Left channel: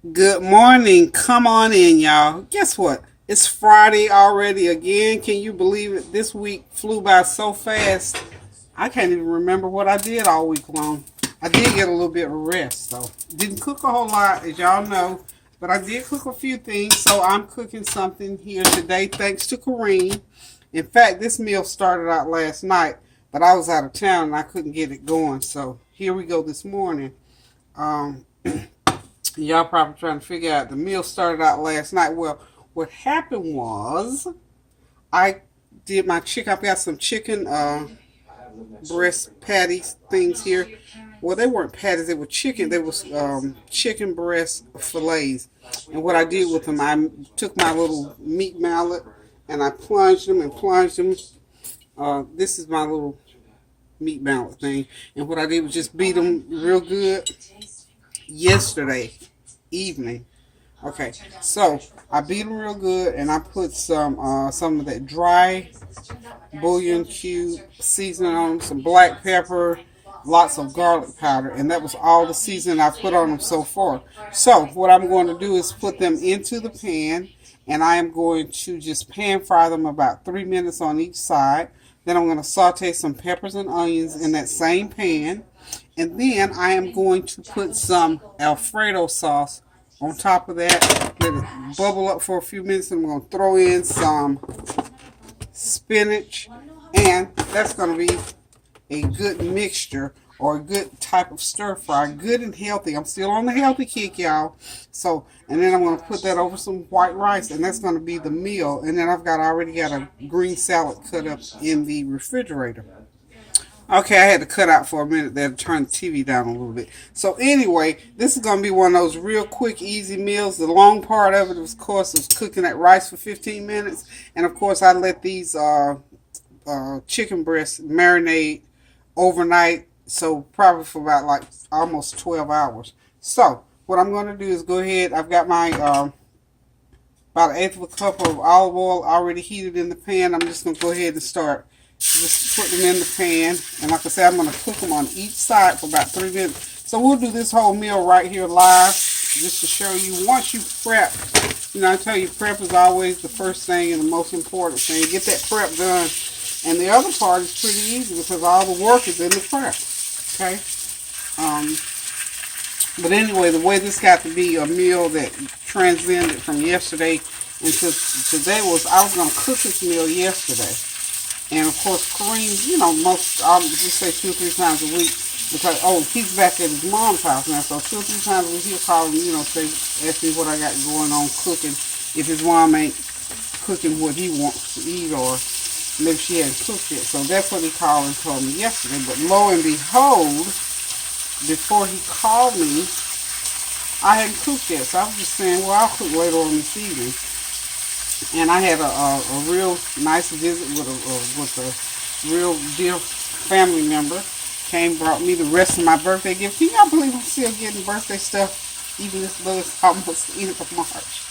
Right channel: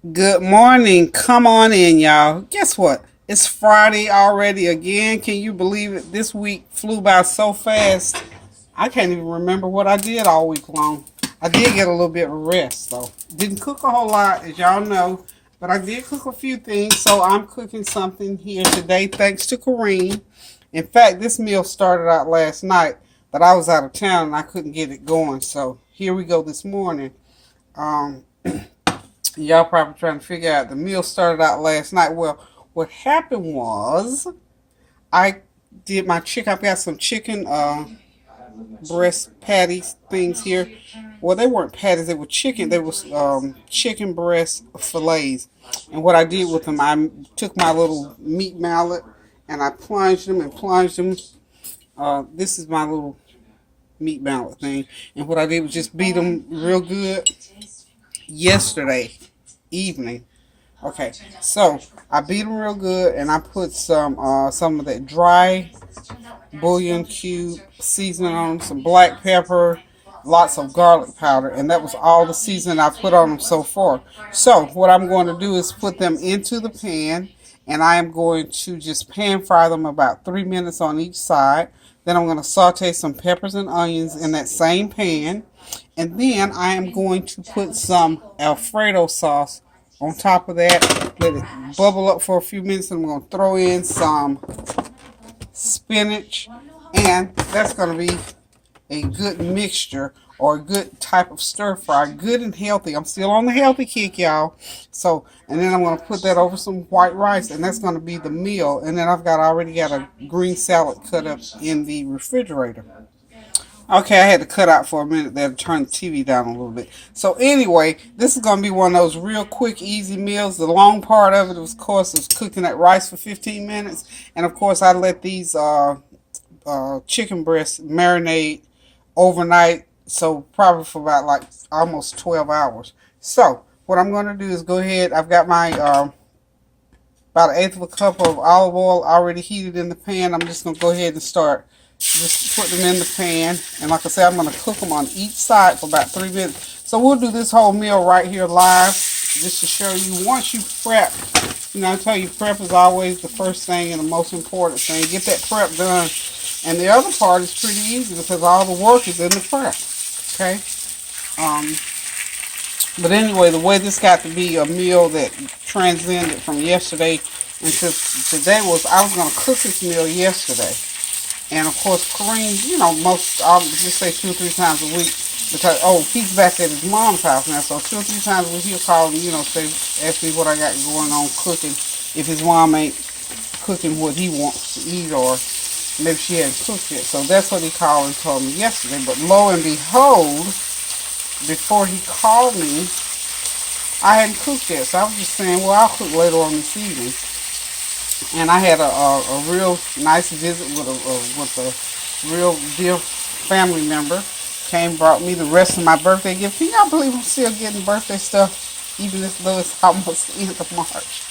Good morning. Come on in, y'all. Guess what? It's Friday already again. Can you believe it? This week flew by so fast. I can't even remember what I did all week long. I did get a little bit of rest, though. Didn't cook a whole lot, as y'all know, but I did cook a few things. So I'm cooking something here today, thanks to Kareem. In fact, this meal started out last night, but I was out of town and I couldn't get it going. So here we go this morning. Um, Y'all probably trying to figure out the meal started out last night. Well, what happened was I did my chicken. I've got some chicken breast patties things here. Well, they weren't patties; they were chicken. They was chicken breast fillets. And what I did with them, I took my little meat mallet and I plunged them and plunged them. This is my little meat mallet thing. And what I did was just beat them real good yesterday evening. Okay, so I beat them real good, and I put some of that dry bouillon cube seasoning on them, some black pepper, lots of garlic powder, and that was all the seasoning I put on them so far. So what I'm going to do is put them into the pan, and I am going to just pan fry them about 3 minutes on each side. Then I'm going to saute some peppers and onions in that same pan. And then I am going to put some Alfredo sauce on top of that. Let it bubble up for a few minutes. And I'm going to throw in some spinach. And that's going to be a good mixture or a good type of stir fry. Good and healthy. I'm still on the healthy kick, y'all. So, and then I'm going to put that over some white rice. And that's going to be the meal. And then already got a green salad cut up in the refrigerator. Okay, I had to cut out for a minute there to turn the TV down a little bit. So anyway, this is going to be one of those real quick, easy meals. The long part of it, of course, is cooking that rice for 15 minutes. And, of course, I let these chicken breasts marinate overnight. So probably for about like almost 12 hours. So what I'm going to do is go ahead. I've got my about an eighth of a cup of olive oil already heated in the pan. I'm just going to go ahead and start just put them in the pan, and like I said, I'm going to cook them on each side for about 3 minutes. So we'll do this whole meal right here live, just to show you. Once you prep, I tell you, prep is always the first thing and the most important thing. Get that prep done, and the other part is pretty easy because all the work is in the prep. Okay. But anyway, the way this got to be a meal that transcended from yesterday into today was I was going to cook this meal yesterday. And of course, Kareem, I'll just say 2 or 3 times a week because, he's back at his mom's house now. So 2 or 3 times a week he'll call me, ask me what I got going on cooking. If his mom ain't cooking what he wants to eat, or maybe she hadn't cooked it. So that's what he called and told me yesterday. But lo and behold, before he called me, I hadn't cooked yet. So I was just saying, well, I'll cook later on this evening. And I had a real nice visit with a real dear family member. Came, brought me the rest of my birthday gift. Can y'all believe I'm still getting birthday stuff, even though it's almost the end of March?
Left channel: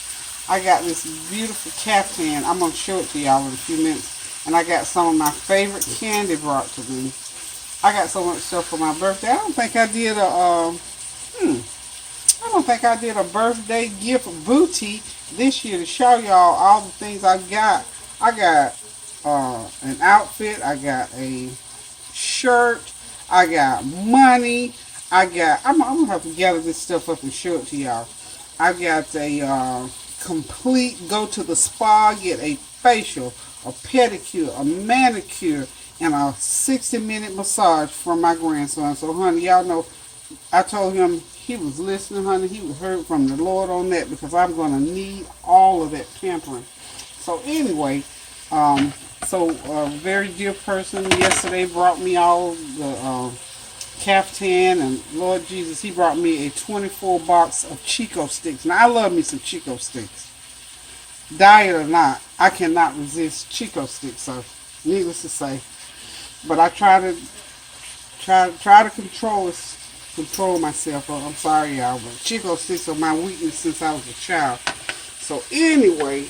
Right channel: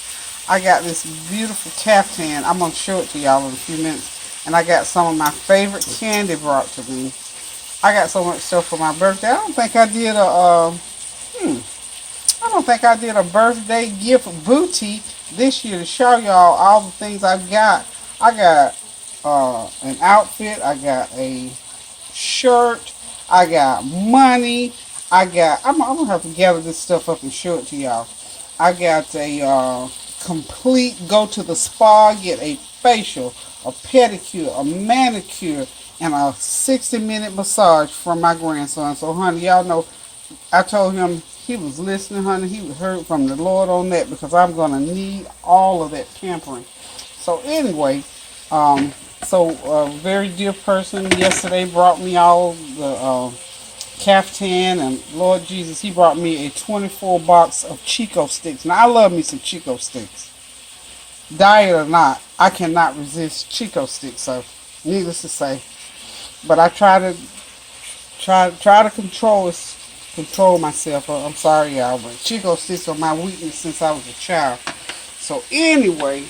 I got this beautiful caftan. I'm going to show it to y'all in a few minutes. And I got some of my favorite candy brought to me. I got so much stuff for my birthday. I don't think I did a birthday gift boutique this year to show y'all all the things I got. I got an outfit. I got a shirt. I got money. I'm gonna have to gather this stuff up and show it to y'all. I got a complete go to the spa, get a facial, a pedicure, a manicure, and a 60-minute massage from my grandson. So, honey, y'all know I told him he was listening, honey. He heard from the Lord on that because I'm going to need all of that pampering. So anyway, a very dear person yesterday brought me all the caftan, and Lord Jesus, he brought me a 24 box of Chico sticks. Now, I love me some Chico sticks. Diet or not, I cannot resist Chico sticks, so needless to say. But I try to control myself. I'm sorry, y'all, but Chico sticks are my weakness since I was a child. So anyway,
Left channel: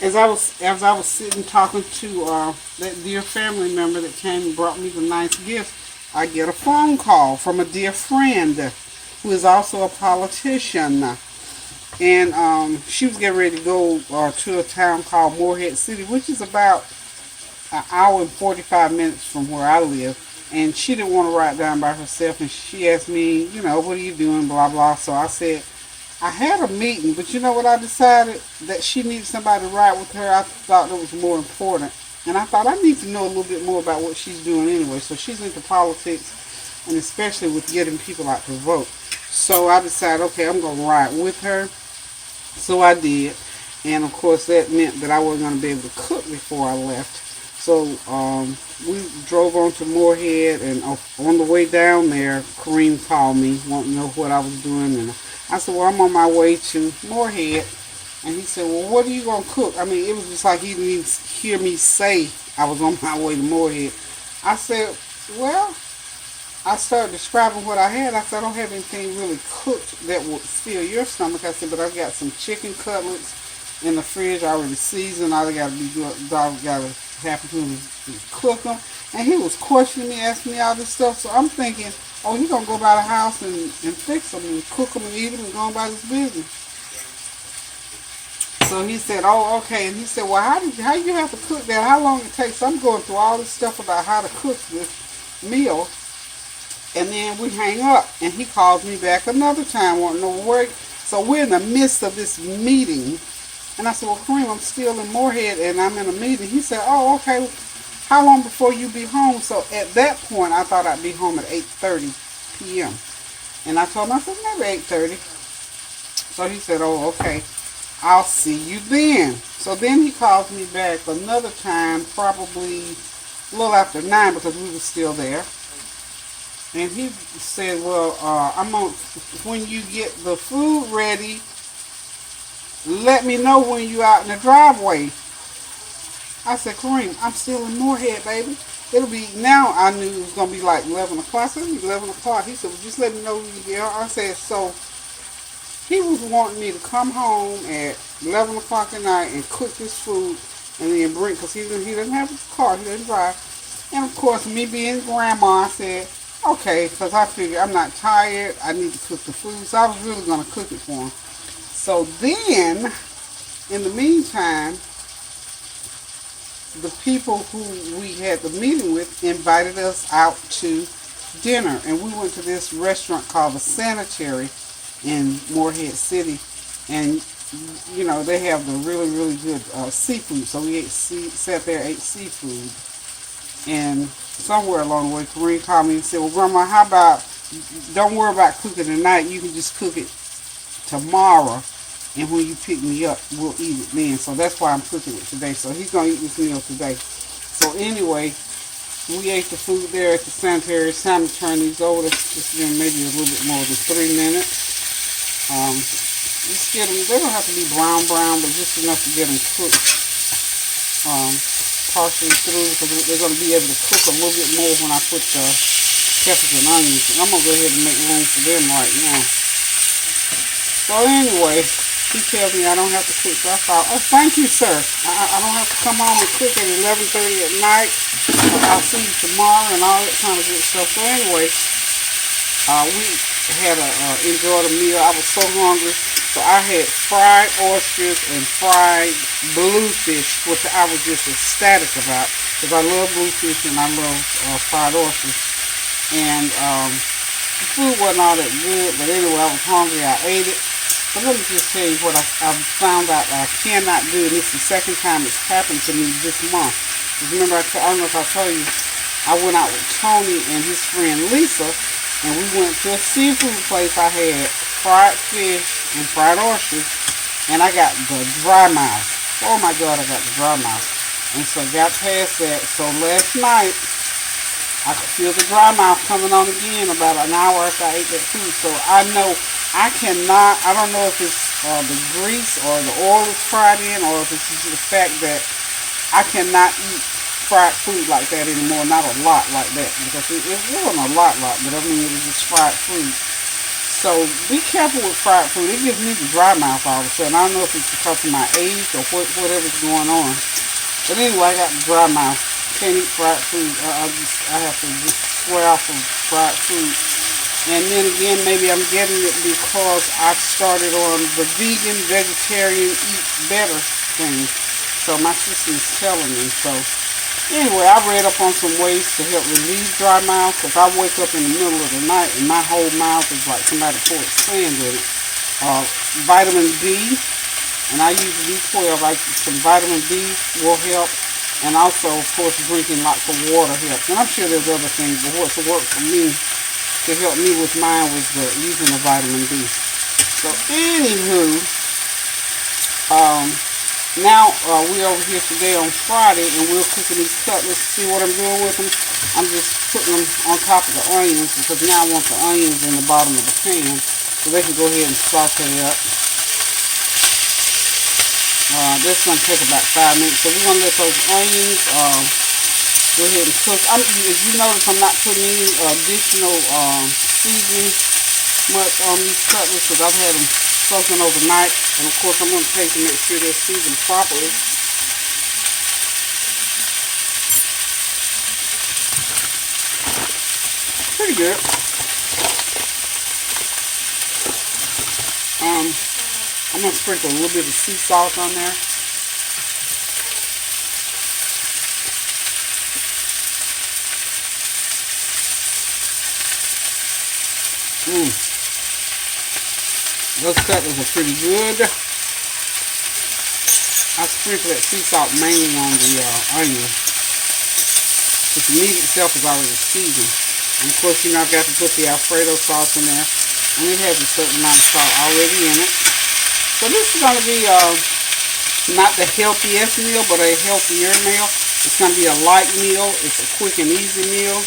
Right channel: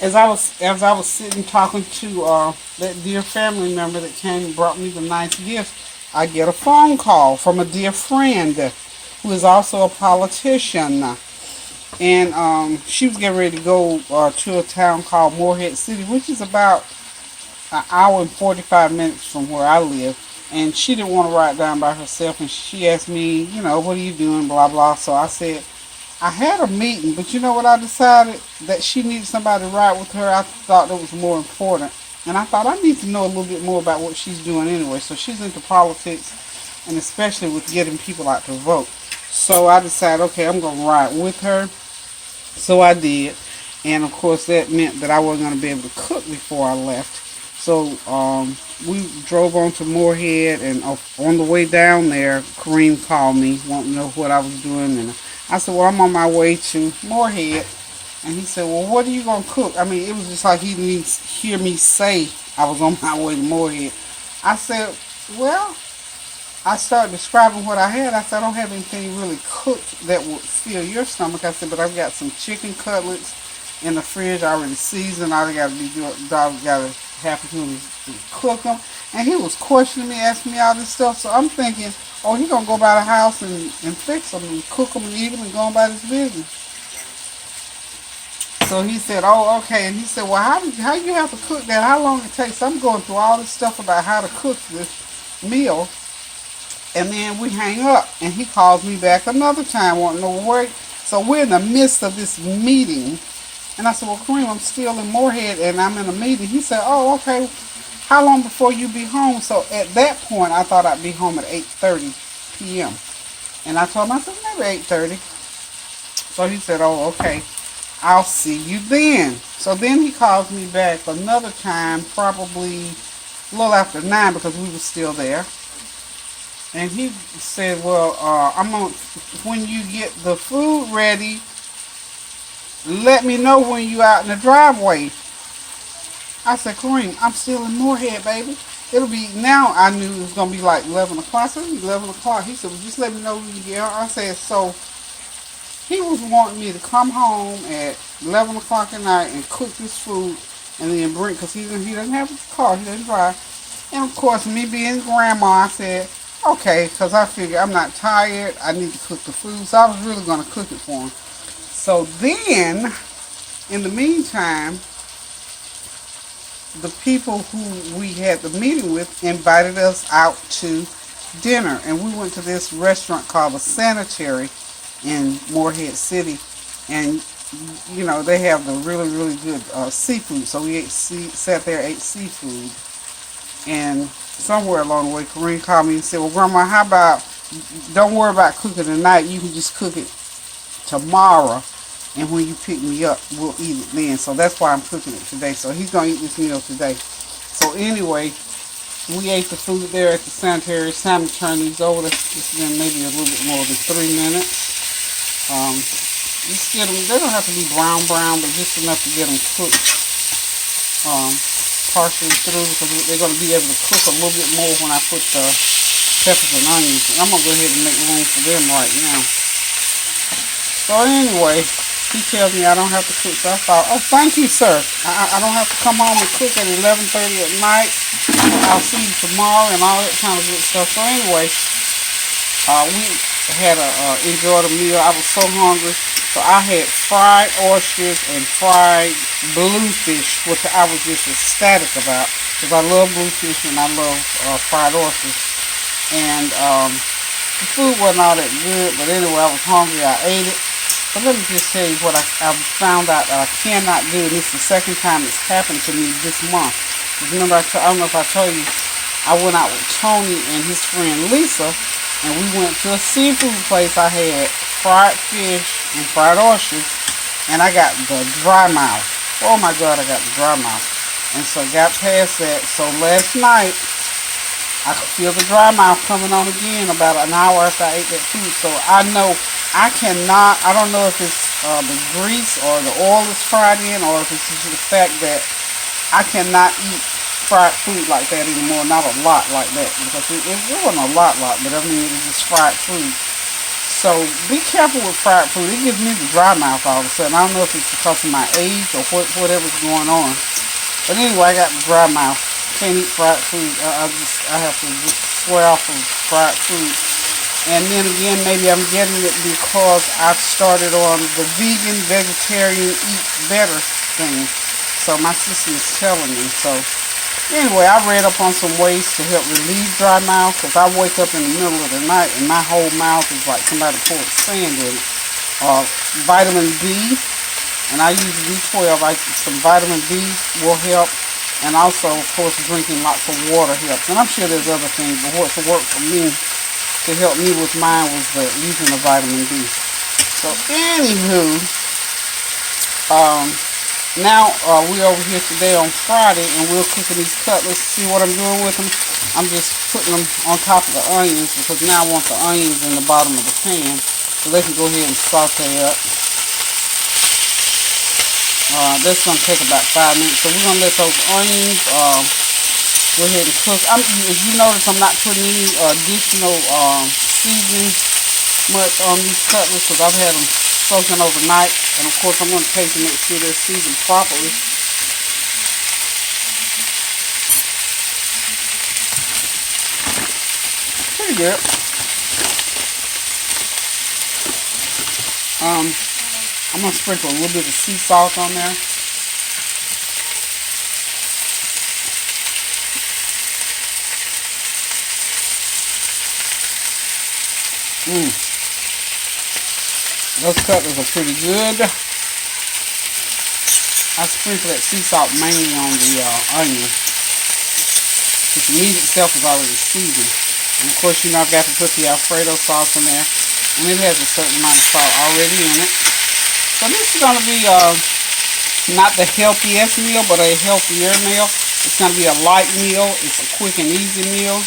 as I was sitting talking to that dear family member that came and brought me the nice gift, I get a phone call from a dear friend. who is also a politician. And she was getting ready to go to a town called Morehead City, which is about an hour and 45 minutes from where I live. And she didn't want to ride down by herself, and she asked me, what are you doing, blah, blah. So I said, I had a meeting, but you know what I decided? That she needed somebody to ride with her. I thought that was more important. And I thought I need to know a little bit more about what she's doing anyway. So she's into politics, and especially with getting people out to vote. So I decided, okay, I'm going to ride with her. So I did. And of course that meant that I wasn't going to be able to cook before I left. So we drove on to Morehead, and on the way down there, Kareem called me, wanting to know what I was doing. And I said, well, I'm on my way to Morehead. And he said, well, what are you going to cook? I mean, it was just like he didn't even hear me say I was on my way to Morehead. I said, well, I started describing what I had. I said, I don't have anything really cooked that would fill your stomach. I said, but I've got some chicken cutlets in the fridge already seasoned. All I got to be good. I got to have to cook them. And he was questioning me, asking me all this stuff. So I'm thinking, oh, he's going to go by the house and fix them and cook them and eat them and go about his business. So he said, oh, okay. And he said, well, how you have to cook that? How long it takes? I'm going through all this stuff about how to cook this meal. And then we hang up. And he calls me back another time, wanting to know where. So we're in the midst of this meeting. And I said, well, Kareem, I'm still in Morehead and I'm in a meeting. He said, oh, okay. How long before you be home? So at that point, I thought I'd be home at 8:30 p.m. And I told him, I said, maybe 8:30. So he said, oh, okay. I'll see you then. So then he calls me back another time, probably a little after 9 because we were still there. And he said, well, when you get the food ready, let me know when you out in the driveway. I said, Kareem, I'm still in Morehead, baby. It'll be, now I knew it was going to be like 11 o'clock. So it'll be 11 o'clock. He said, well, just let me know when you get home. I said, so he was wanting me to come home at 11 o'clock at night and cook this food and then bring, because he doesn't have his car, he doesn't drive. And of course, me being grandma, I said, okay, because I figured I'm not tired, I need to cook the food. So I was really going to cook it for him. So then, in the meantime, the people who we had the meeting with invited us out to dinner. And we went to this restaurant called The Sanitary in Morehead City. And, they have the really, really good seafood. So we sat there, ate seafood. And somewhere along the way, Kareem called me and said, well, Grandma, how about, don't worry about cooking tonight. You can just cook it tomorrow. And when you pick me up, we'll eat it then. So that's why I'm cooking it today. So he's going to eat this meal today. So anyway, we ate the food there at the sanitary. Simon turned these over. It's been maybe a little bit more than 3 minutes. Just get them, they don't have to be brown, but just enough to get them cooked partially through, because we're going to be able to cook a little bit more when I put the peppers and onions. And I'm going to go ahead and make room for them right now. So anyway, he tells me I don't have to cook. So I thought, oh, thank you, sir. I don't have to come home and cook at 11:30 at night. I'll see you tomorrow and all that kind of good stuff. So anyway, we had enjoyed a meal. I was so hungry. So I had fried oysters and fried bluefish, which I was just ecstatic about, because I love bluefish and I love fried oysters. And the food wasn't all that good, but anyway, I was hungry. I ate it. But let me just tell you what I found out I cannot do, and it's the second time it's happened to me this month. Because remember, I don't know if I told you, I went out with Tony and his friend Lisa, and we went to a seafood place. I had fried fish and fried oysters, and I got the dry mouth. Oh my God, I got the dry mouth. And so got past that. So last night, I could feel the dry mouth coming on again about an hour after I ate that food. So I know I cannot, I don't know if it's the grease or the oil is fried in, or if it's just the fact that I cannot eat fried food like that anymore. Not a lot like that, because it wasn't a lot, but I mean, it was just fried food. So be careful with fried food. It gives me the dry mouth all of a sudden. I don't know if it's because of my age or whatever's going on. But anyway, I got the dry mouth. Can't eat fried food. I have to just swear off of fried food. And then again, maybe I'm getting it because I've started on the vegan, vegetarian, eat better thing. So my sister's telling me. So anyway, I read up on some ways to help relieve dry mouth because I wake up in the middle of the night and my whole mouth is like somebody poured sand in it. Vitamin D, and I use B12. Some vitamin D will help. And also, of course, drinking lots of water helps. And I'm sure there's other things, but what's worked for me to help me with mine was using the vitamin D. So, anywho, now we're over here today on Friday, and we're cooking these cutlets. See what I'm doing with them? I'm just putting them on top of the onions because now I want the onions in the bottom of the pan so they can go ahead and saute up. That's going to take about 5 minutes. So we're going to let those onions go ahead and cook. As you notice, I'm not putting any additional seasoning much on these cutlets because I've had them soaking overnight. And of course, I'm going to taste to make sure they're seasoned properly. Pretty good. I'm going to sprinkle a little bit of sea salt on there. Those cutlets are pretty good. I sprinkle that sea salt mainly on the onion. The meat itself is already seasoned. And of course, you know, I've got to put the Alfredo sauce in there. And it has a certain amount of salt already in it. So this is going to be not the healthiest meal, but a healthier meal. It's going to be a light meal. It's a quick and easy meal.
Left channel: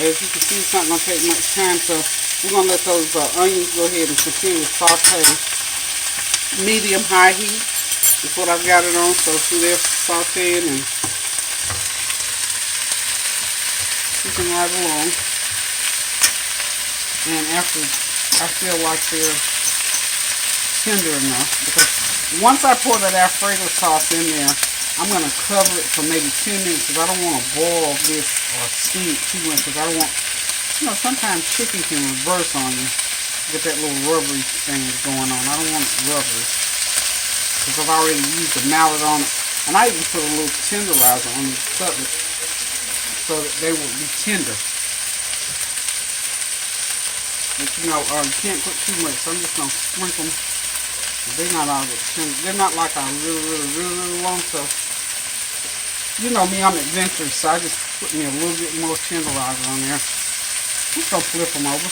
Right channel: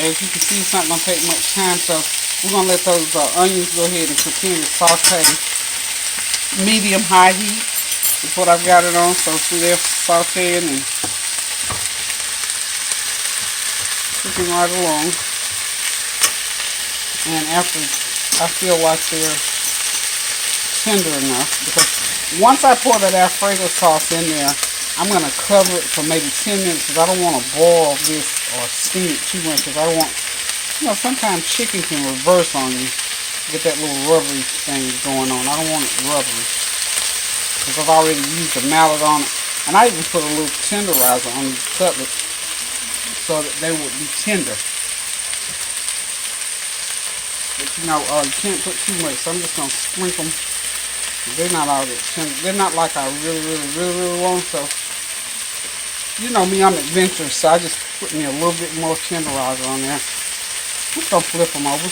As you can see, it's not going to take much time. So we're going to let those onions go ahead and continue to saute. Medium-high heat is what I've got it on. So see, they're sauteing and cooking right along. And after I feel like they're tender enough, because once I pour that Alfredo sauce in there, I'm going to cover it for maybe 10 minutes because I don't want to boil this or steam it too much because I don't want, you know, sometimes chicken can reverse on you with that little rubbery thing going on. I don't want it rubbery because I've already used the mallet on it. And I even put a little tenderizer on these cutlets so that they would be tender. But you know, you can't put too much, so I'm just going to sprinkle them. They're not all that tender. They're not like I really want to. You know me, I'm adventurous, so I just put me a little bit more tenderizer on there. Just going to flip them over.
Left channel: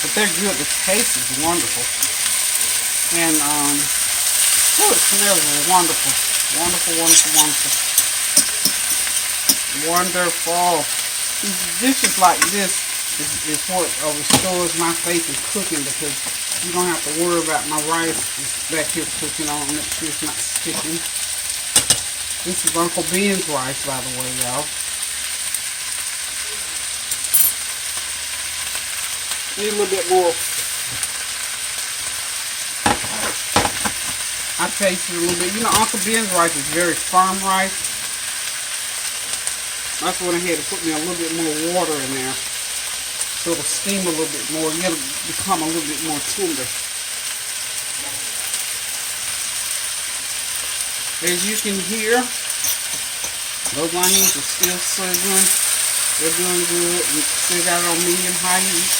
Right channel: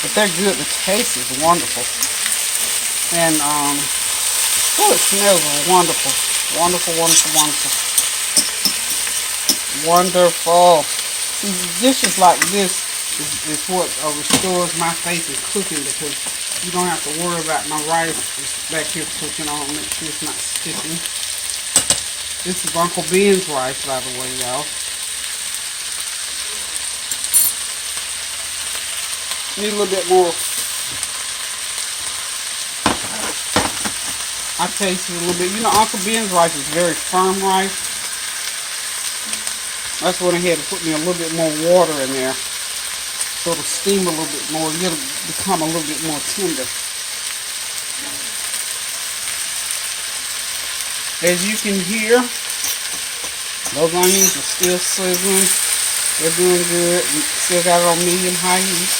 But they're good. The taste is wonderful. And, oh, it smells wonderful. Wonderful, wonderful, wonderful. Wonderful. Dishes like this is what restores my faith in cooking because you don't have to worry about my rice just back here cooking on it. It's not sticking. This is Uncle Ben's rice, by the way, y'all. Need a little bit more. I tasted a little bit. You know, Uncle Ben's rice is very firm rice. That's when I had to put me a little bit more water in there. So it'll steam a little bit more. It'll become a little bit more tender. As you can hear, those onions are still sizzling. They're doing good. Still got it on medium-high heat.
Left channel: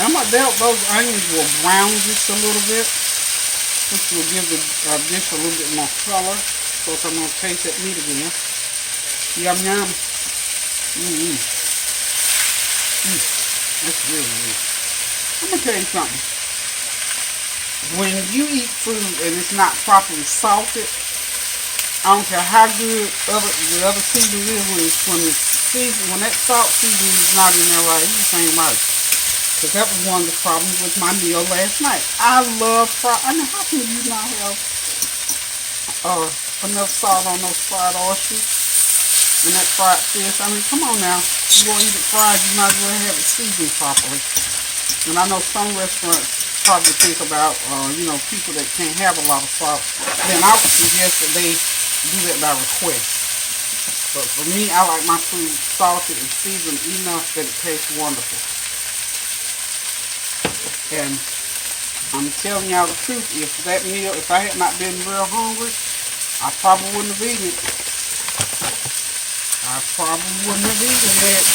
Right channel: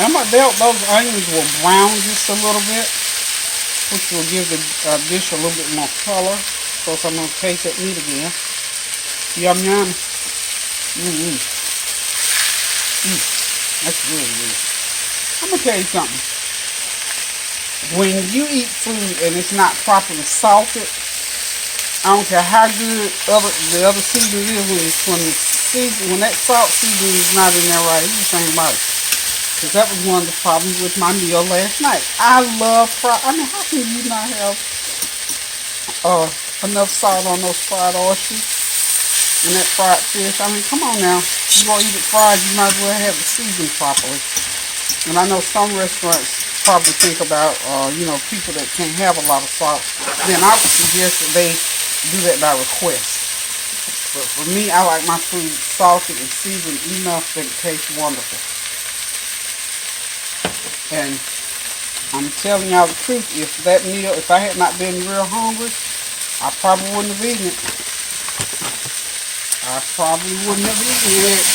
And those onions will brown just a little bit, which will give the dish a little bit more color. Of course, I'm going to taste that meat again. Yum, yum. That's really good. I'm going to tell you something. When you eat food and it's not properly salted, I don't care how good the other seasoning is, when that salt seasoning is not in there right, you just ain't right. Because that was one of the problems with my meal last night. I love fried. I mean, how can you not have enough salt on those fried oysters and that fried fish? I mean, come on now. You want to eat it fried, you might as well have it seasoned properly. And I know some restaurants probably think about, you know, people that can't have a lot of salt. Then I would suggest that they do that by request. But for me, I like my food salted and seasoned enough that it tastes wonderful. And I'm telling y'all the truth, if that meal, if I had not been real hungry, I probably wouldn't have eaten it. I probably wouldn't have eaten it.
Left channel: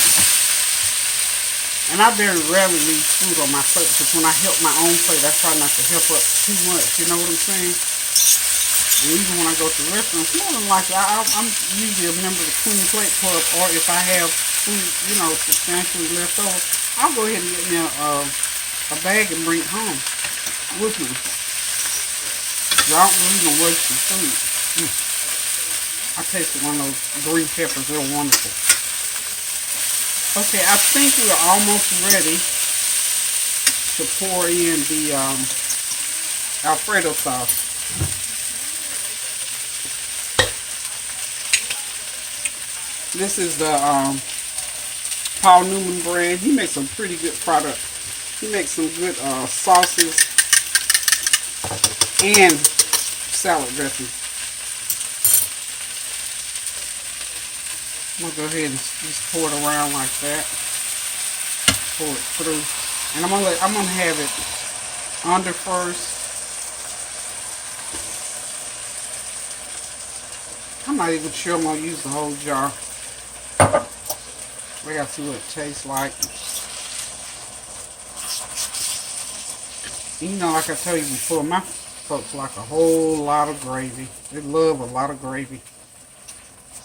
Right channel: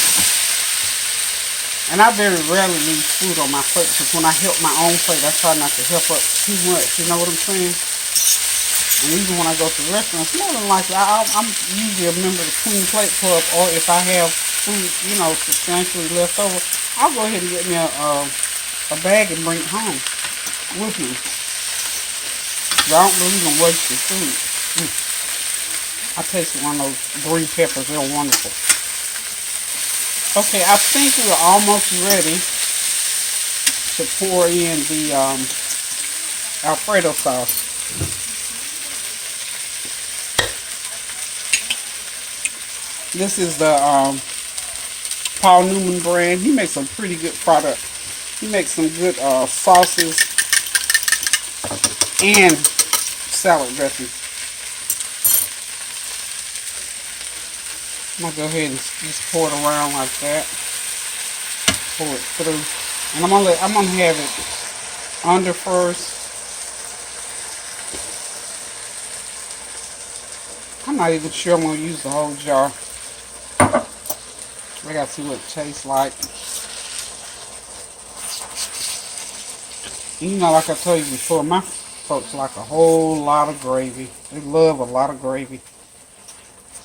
And I very rarely leave food on my plate because when I help my own plate, I try not to help up too much. You know what I'm saying? And even when I go to restaurants, more than likely, I'm usually a member of the Clean Plate Club, or if I have food, you know, substantially left over, I'll go ahead and get me a bag and bring it home with me. Y'all don't believe in wasting food. I tasted one of those green peppers. They're wonderful. Okay, I think we're almost ready to pour in the Alfredo sauce. This is the Paul Newman brand. He makes a pretty good product. He makes some good sauces and salad dressing. I'm gonna go ahead and just pour it around like that. Pour it through, and I'm gonna have it under first. I'm not even sure I'm gonna use the whole jar. I gotta see what it tastes like. And you know, like I told you before, my folks like a whole lot of gravy. They love a lot of gravy.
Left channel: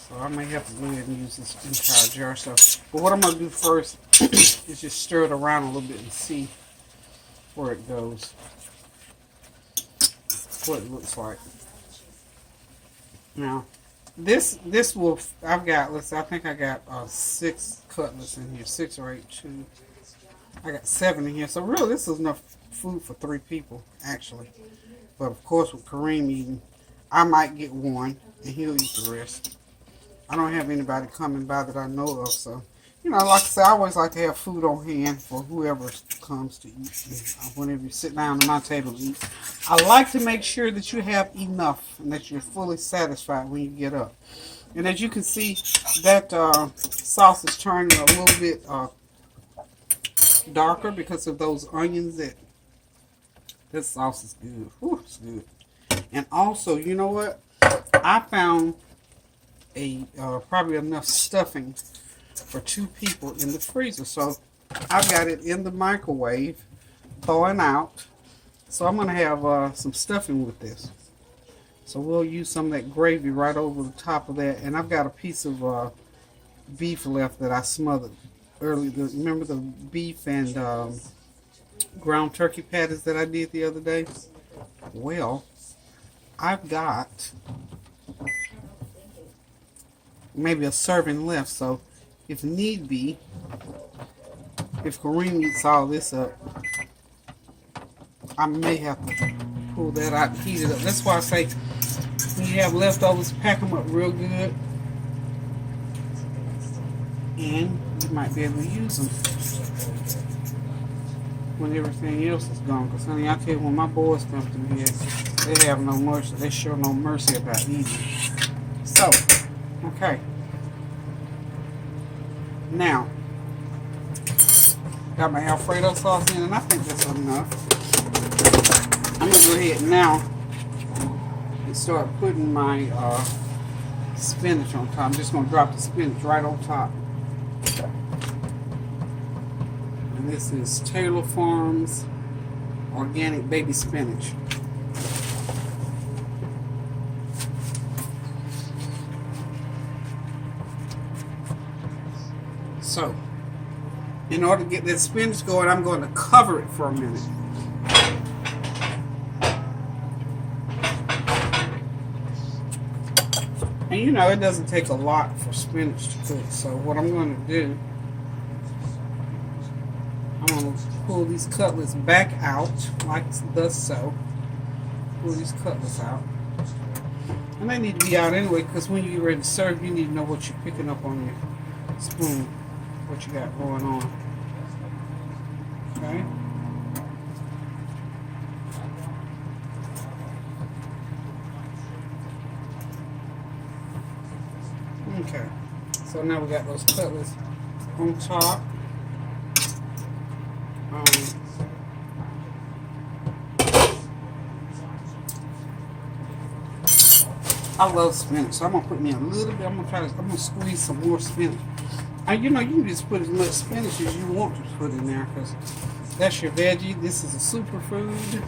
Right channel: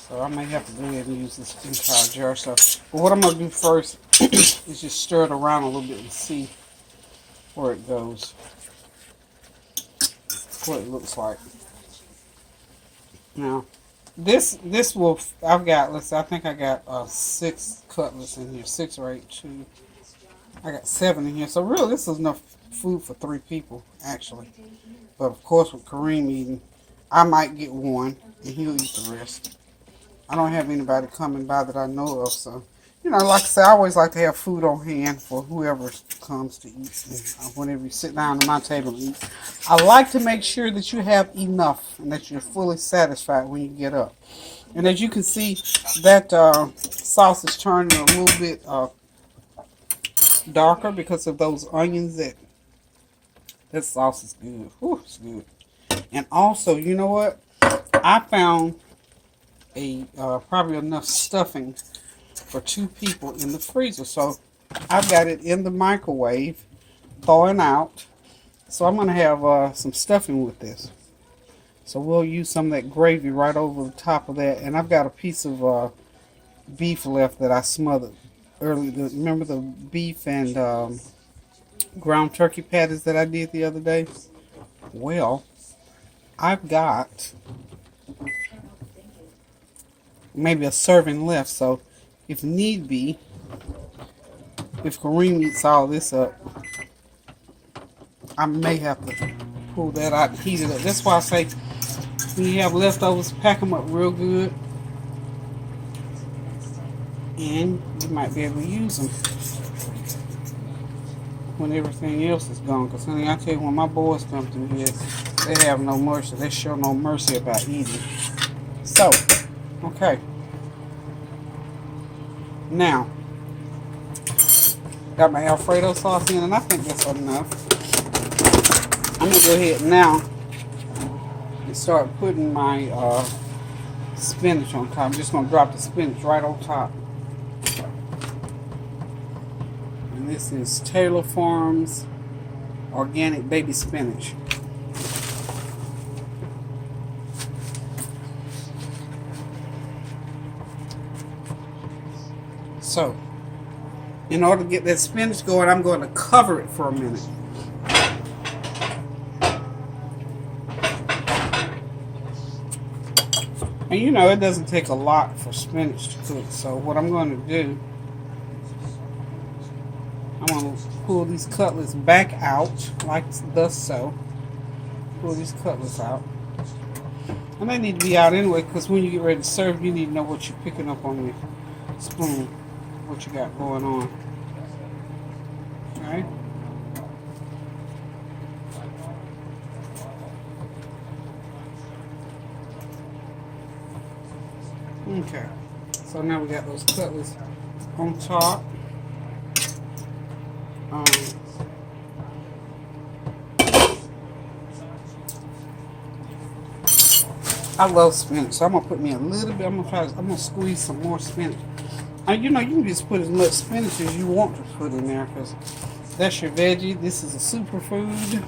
So I may have to go ahead and use this entire jar. So, but what I'm gonna do first is just stir it around a little bit and see where it goes. What it looks like. Now, this will, I've got, I think I got 6 cutlets in here, 6 or 8, 2. I got 7 in here. So really, this is enough food for 3 people, actually. But of course, with Kareem eating, I might get 1 and he'll eat the rest. I don't have anybody coming by that I know of, so, you know, like I say, I always like to have food on hand for whoever comes to eat. Whenever you sit down at my table to eat, I like to make sure that you have enough and that you're fully satisfied when you get up. And as you can see, that sauce is turning a little bit darker because of those onions. That sauce is good. Whew, it's good. And also, you know what? I found probably enough stuffing for 2 people in the freezer. So I've got it in the microwave, thawing out. So I'm going to have some stuffing with this. So we'll use some of that gravy right over the top of that. And I've got a piece of beef left that I smothered earlier. Remember the beef and ground turkey patties that I did the other day? Well, I've got maybe a serving left, so if need be, if Kareem eats all this up, I may have to pull that out and heat it up. That's why I say when you have leftovers, pack them up real good, and you might be able to use them when everything else is gone. Because honey, I tell you, when my boys come through here, they have no mercy. They show no mercy about eating. So, okay. Now, got my Alfredo sauce in, and I think that's enough. I'm going to go ahead now and start putting my spinach on top. I'm just going to drop the spinach right on top. And this is Taylor Farms Organic Baby Spinach. So, in order to get that spinach going, I'm going to cover it for a minute. And you know, it doesn't take a lot for spinach to cook. So what I'm going to do, I'm going to pull these cutlets back out, like thus so. Pull these cutlets out. And they need to be out anyway, because when you get ready to serve, you need to know what you're picking up on your spoon. What you got going on. Okay. Okay. So now we got those cutlets on top. I love spinach, so I'm gonna put me a little bit. I'm gonna squeeze some more spinach. And you know, you can just put as much spinach as you want to put in there, because that's your veggie. This is a superfood,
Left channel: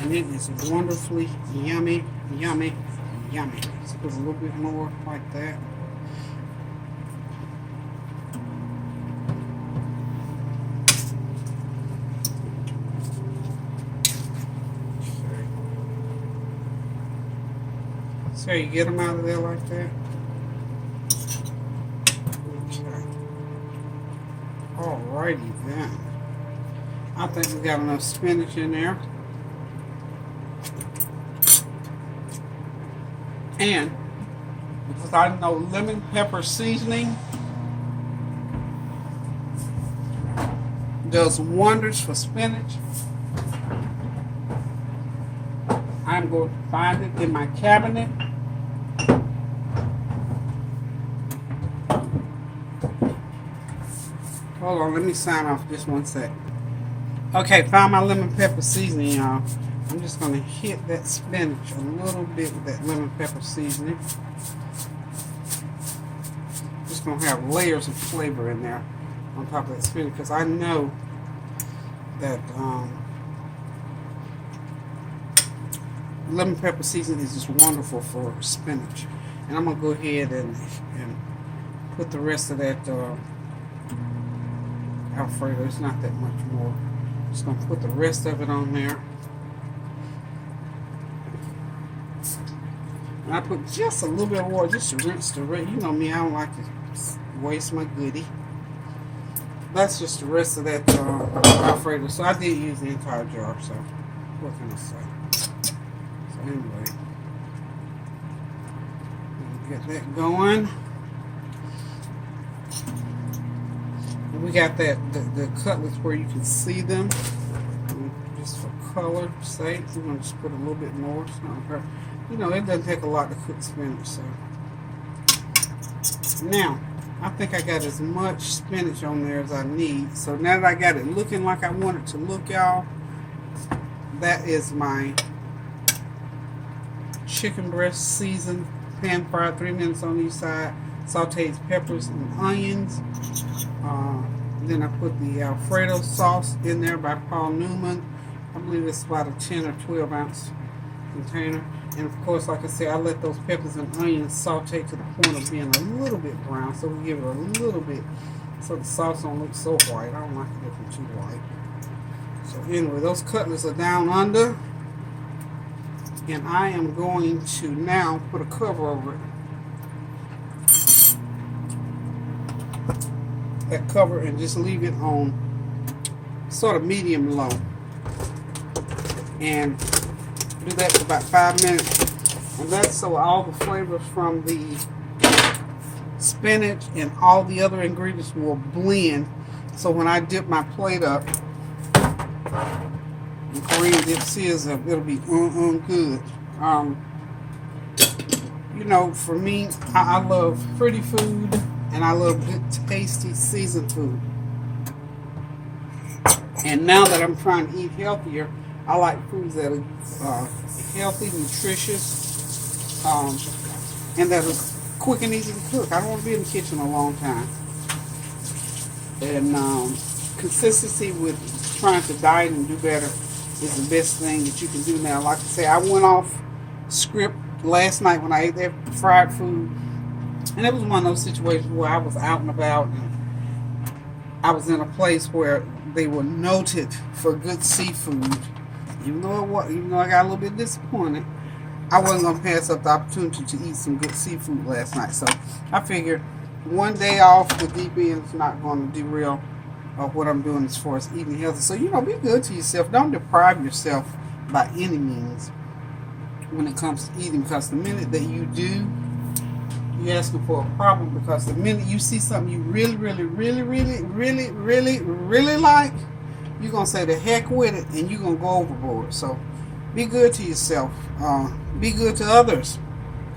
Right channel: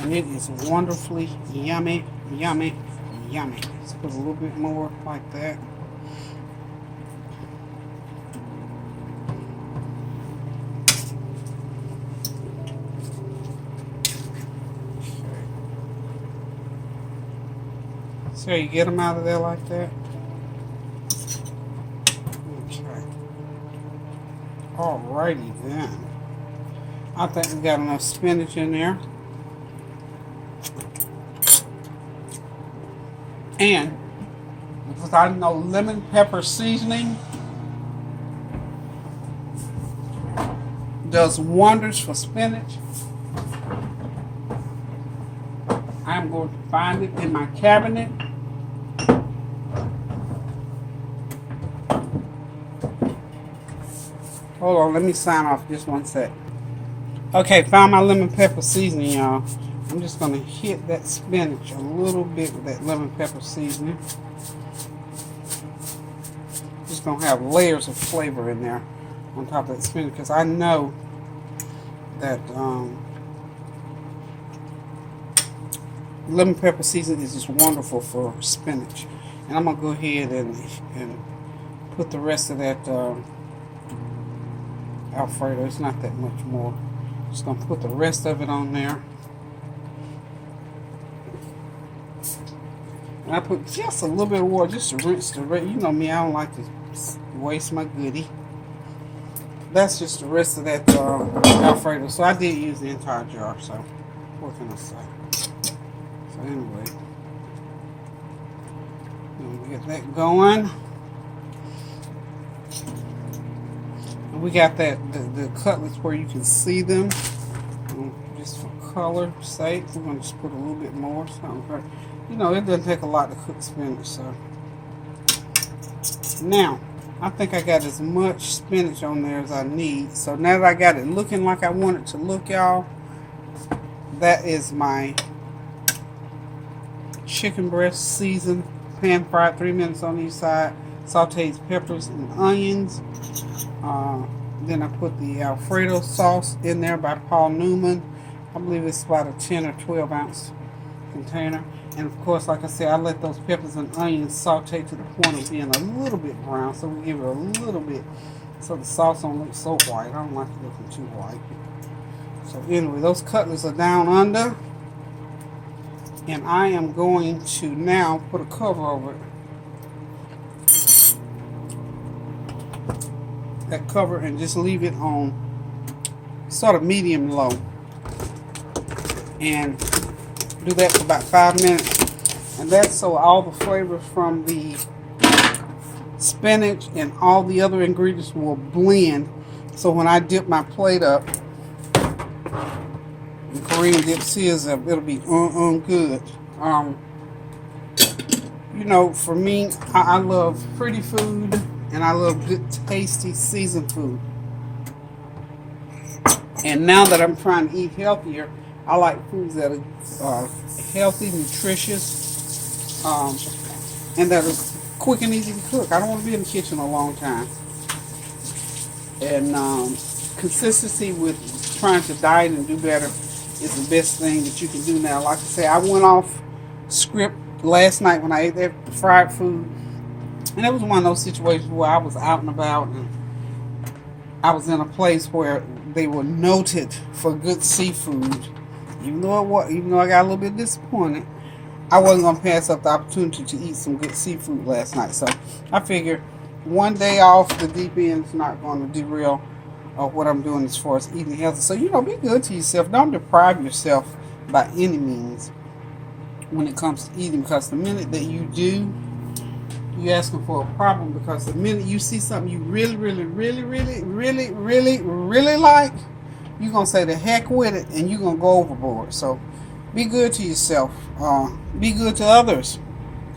and it is wonderfully yummy, yummy, yummy. Let's put a little bit more like that. See how you get them out of there like that? Okay. Alrighty then. I think we got enough spinach in there. And because I know lemon pepper seasoning does wonders for spinach, I'm going to find it in my cabinet. Hold on, let me sign off just one sec. Okay, found my lemon pepper seasoning, y'all. I'm just going to hit that spinach a little bit with that lemon pepper seasoning. Just going to have layers of flavor in there on top of that spinach, because I know that lemon pepper seasoning is just wonderful for spinach. And I'm going to go ahead and put the rest of that Alfredo. It's not that much more. Just going to put the rest of it on there. And I put just a little bit of water just to rinse the rest. You know me, I don't like to waste my goodie. That's just the rest of that Alfredo. So I did use the entire jar, so what can I say? So anyway, get that going. We got that the cutlets where you can see them. And just for color sake, we're going to just put a little bit more. So, you know, it doesn't take a lot to cook spinach. So now, I think I got as much spinach on there as I need. So now that I got it looking like I want it to look, y'all, that is my chicken breast seasoned, pan fried, 3 minutes on each side, sauteed peppers and onions. Then I put the Alfredo sauce in there by Paul Newman. I believe it's about a 10 or 12 ounce container. And of course, like I said, I let those peppers and onions saute to the point of being a little bit brown. So we give it a little bit so the sauce don't look so white. I don't like it looking too white. So anyway, those cutlets are down under. And I am going to now put a cover over it. That cover, and just leave it on sort of medium low. And do that for about 5 minutes, and that's so all the flavors from the spinach and all the other ingredients will blend. So when I dip my plate up, the Korean dips his up, it'll be good. You know, for me, I love pretty food, and I love good, tasty, seasoned food. And now that I'm trying to eat healthier, I like foods that are healthy, nutritious, and that are quick and easy to cook. I don't want to be in the kitchen a long time. And consistency with trying to diet and do better is the best thing that you can do now. Like I say, I went off script last night when I ate that fried food. And it was one of those situations where I was out and about, and I was in a place where they were noted for good seafood. Even though I got a little bit disappointed, I wasn't going to pass up the opportunity to eat some good seafood last night. So I figured one day off the deep end is not going to derail what I'm doing as far as eating healthy. So, you know, be good to yourself. Don't deprive yourself by any means when it comes to eating, because the minute that you do, you're asking for a problem. Because the minute you see something you really like, you're going to say the heck with it, and you're going to go overboard. So be good to yourself. Be good to others.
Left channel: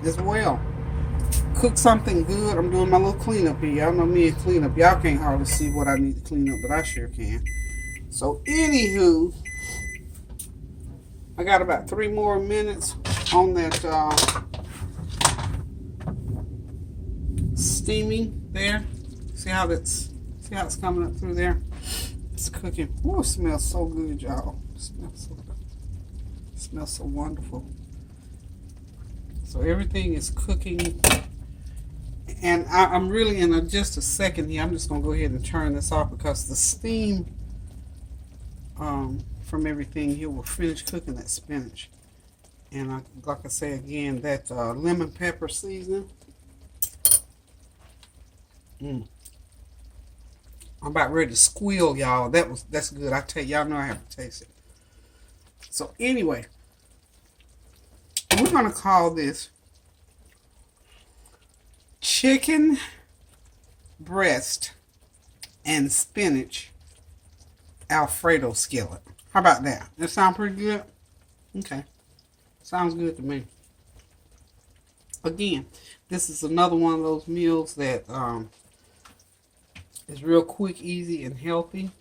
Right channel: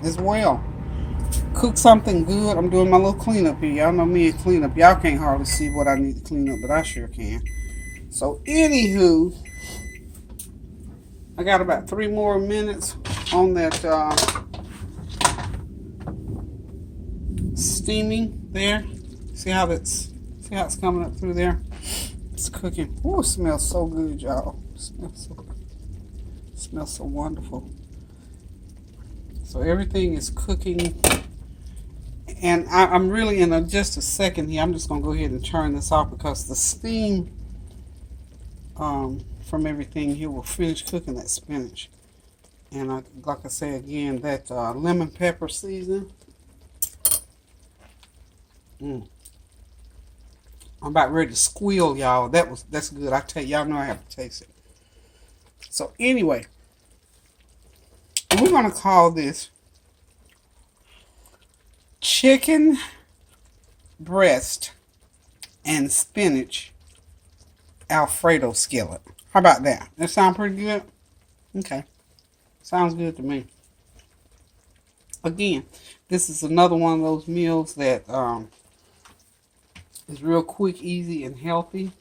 as well. Cook something good. I'm doing my little cleanup here. Y'all know me and cleanup. Y'all can't hardly see what I need to clean up, but I sure can. So, anywho, I got about 3 more minutes on that steaming there. See how it's coming up through there. It's cooking. Oh, it smells so good, y'all. It smells so wonderful. So everything is cooking, and I'm really in just a second here. I'm just gonna go ahead and turn this off because the steam from everything here will finish cooking that spinach. And like I say again, that lemon pepper season. I'm about ready to squeal, y'all. That's good. I tell y'all know I have to taste it. So anyway, we're gonna call this chicken breast and spinach Alfredo skillet. How about that? That sound pretty good? Okay. Sounds good to me. Again, this is another one of those meals that is real quick, easy, and healthy.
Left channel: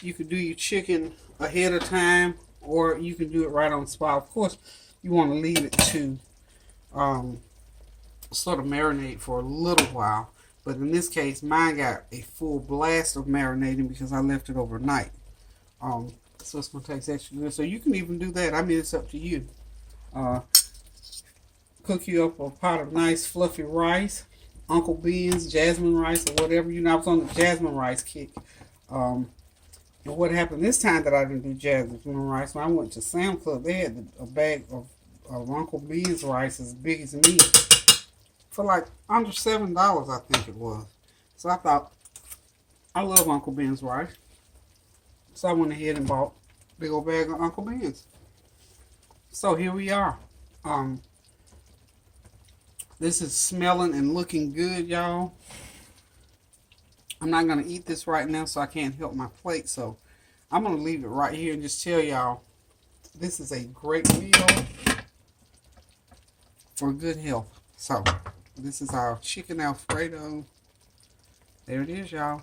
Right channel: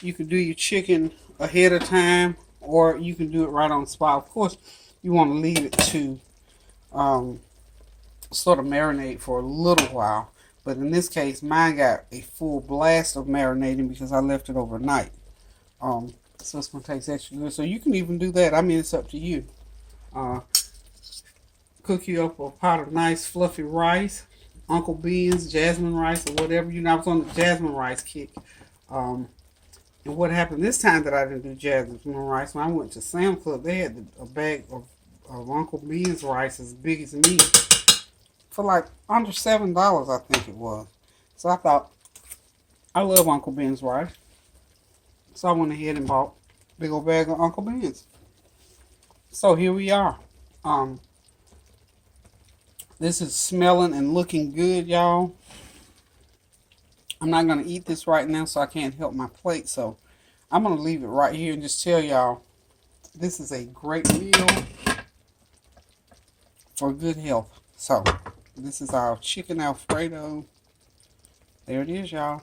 You can do your chicken ahead of time, or you can do it right on the spot. Of course, you want to leave it to sort of marinate for a little while. But in this case, mine got a full blast of marinating because I left it overnight. So it's going to taste extra good. So you can even do that. I mean, it's up to you. Cook you up a pot of nice fluffy rice, Uncle Beans, jasmine rice, or whatever. You know, I was on the jasmine rice kick. And what happened this time that I didn't do jasmine rice, when I went to Sam's Club, they had a bag of Uncle Beans rice as big as me for like under $7, I think it was. So I thought, I love Uncle Ben's rice. So I went ahead and bought a big old bag of Uncle Ben's. So here we are. This is smelling and looking good, y'all. I'm not going to eat this right now, so I can't help my plate. So I'm going to leave it right here and just tell y'all, this is a great meal for good health. So this is our chicken Alfredo. There it is, y'all.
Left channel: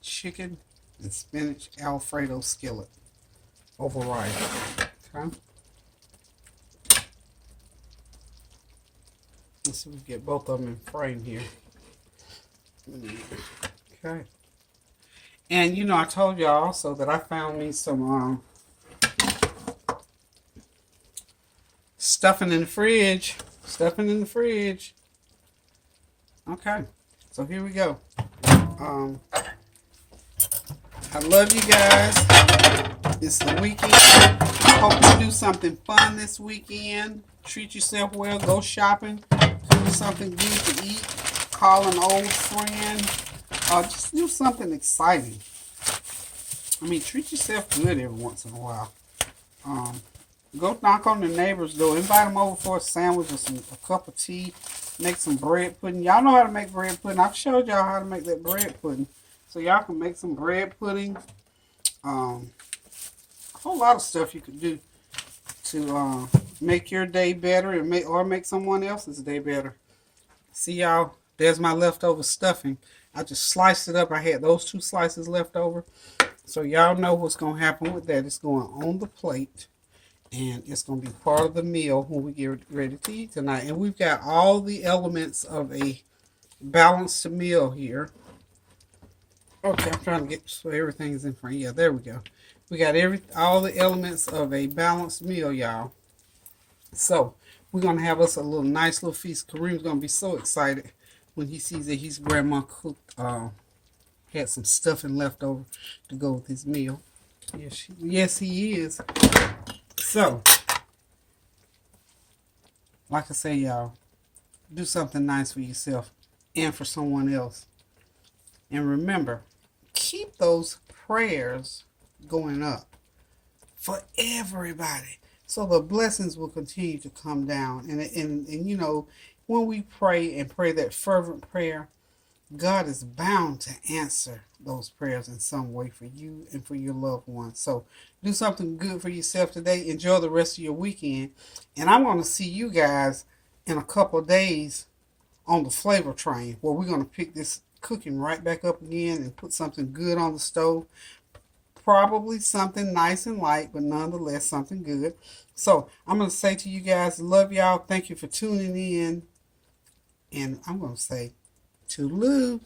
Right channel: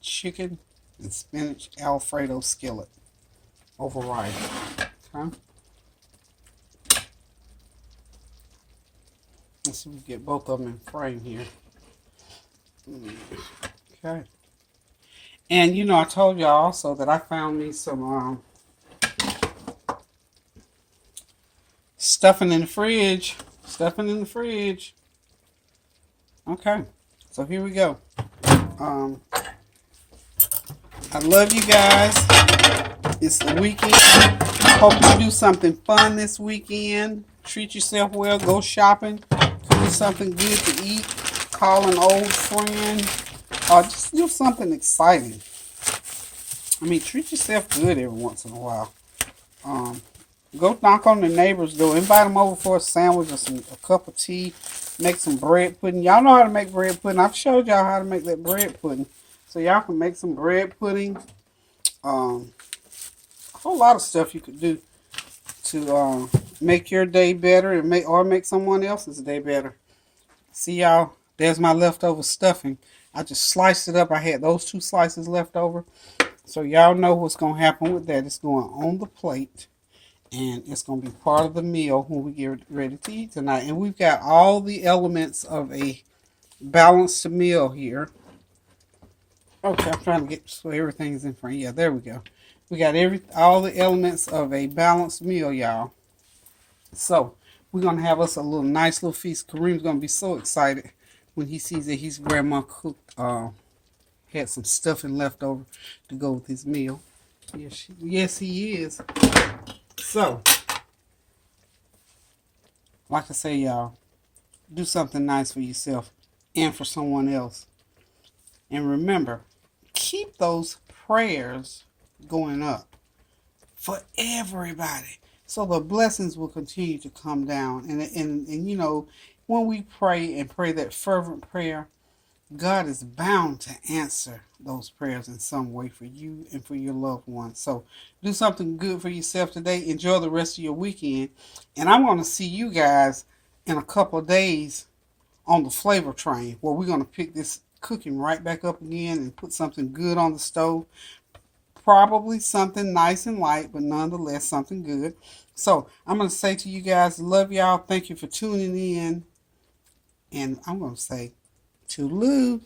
Chicken and spinach Alfredo skillet over rice. Okay. Let's see if we can get both of them in frame here. Okay. And you know, I told y'all also that I found me some stuffing in the fridge. Stuffing in the fridge. Okay. So here we go. I love you guys. It's the weekend. Hope you do something fun this weekend. Treat yourself well. Go shopping. Do something good to eat. Call an old friend. Or just do something exciting. I mean, treat yourself good every once in a while. Go knock on the neighbor's door. Invite them over for a sandwich or a cup of tea. Make some bread pudding. Y'all know how to make bread pudding. I've showed y'all how to make that bread pudding. So y'all can make some bread pudding. A whole lot of stuff you could do to make your day better and make someone else's day better. See y'all, there's my leftover stuffing. I just sliced it up. I had those 2 slices left over. So y'all know what's going to happen with that. It's going on the plate. And it's going to be part of the meal when we get ready to eat tonight. And we've got all the elements of a balanced meal here. Okay, I'm trying to get so everything's in front. Yeah, there we go. We got all the elements of a balanced meal, y'all. So we're gonna have us a nice little feast. Kareem's gonna be so excited when he sees that his grandma cooked, had some stuffing left over to go with his meal. Yes, he is. So, like I say, y'all, do something nice for yourself and for someone else. And remember, keep those prayers going up for everybody, so the blessings will continue to come down. And you know, when we pray and pray that fervent prayer, God is bound to answer those prayers in some way for you and for your loved ones. So do something good for yourself today. Enjoy the rest of your weekend. And I'm going to see you guys in a couple of days on the flavor train where we're going to pick this cooking right back up again and put something good on the stove. Probably something nice and light, but nonetheless something good. So I'm going to say to you guys, love y'all. Thank you for tuning in. And I'm going to say, toodaloo.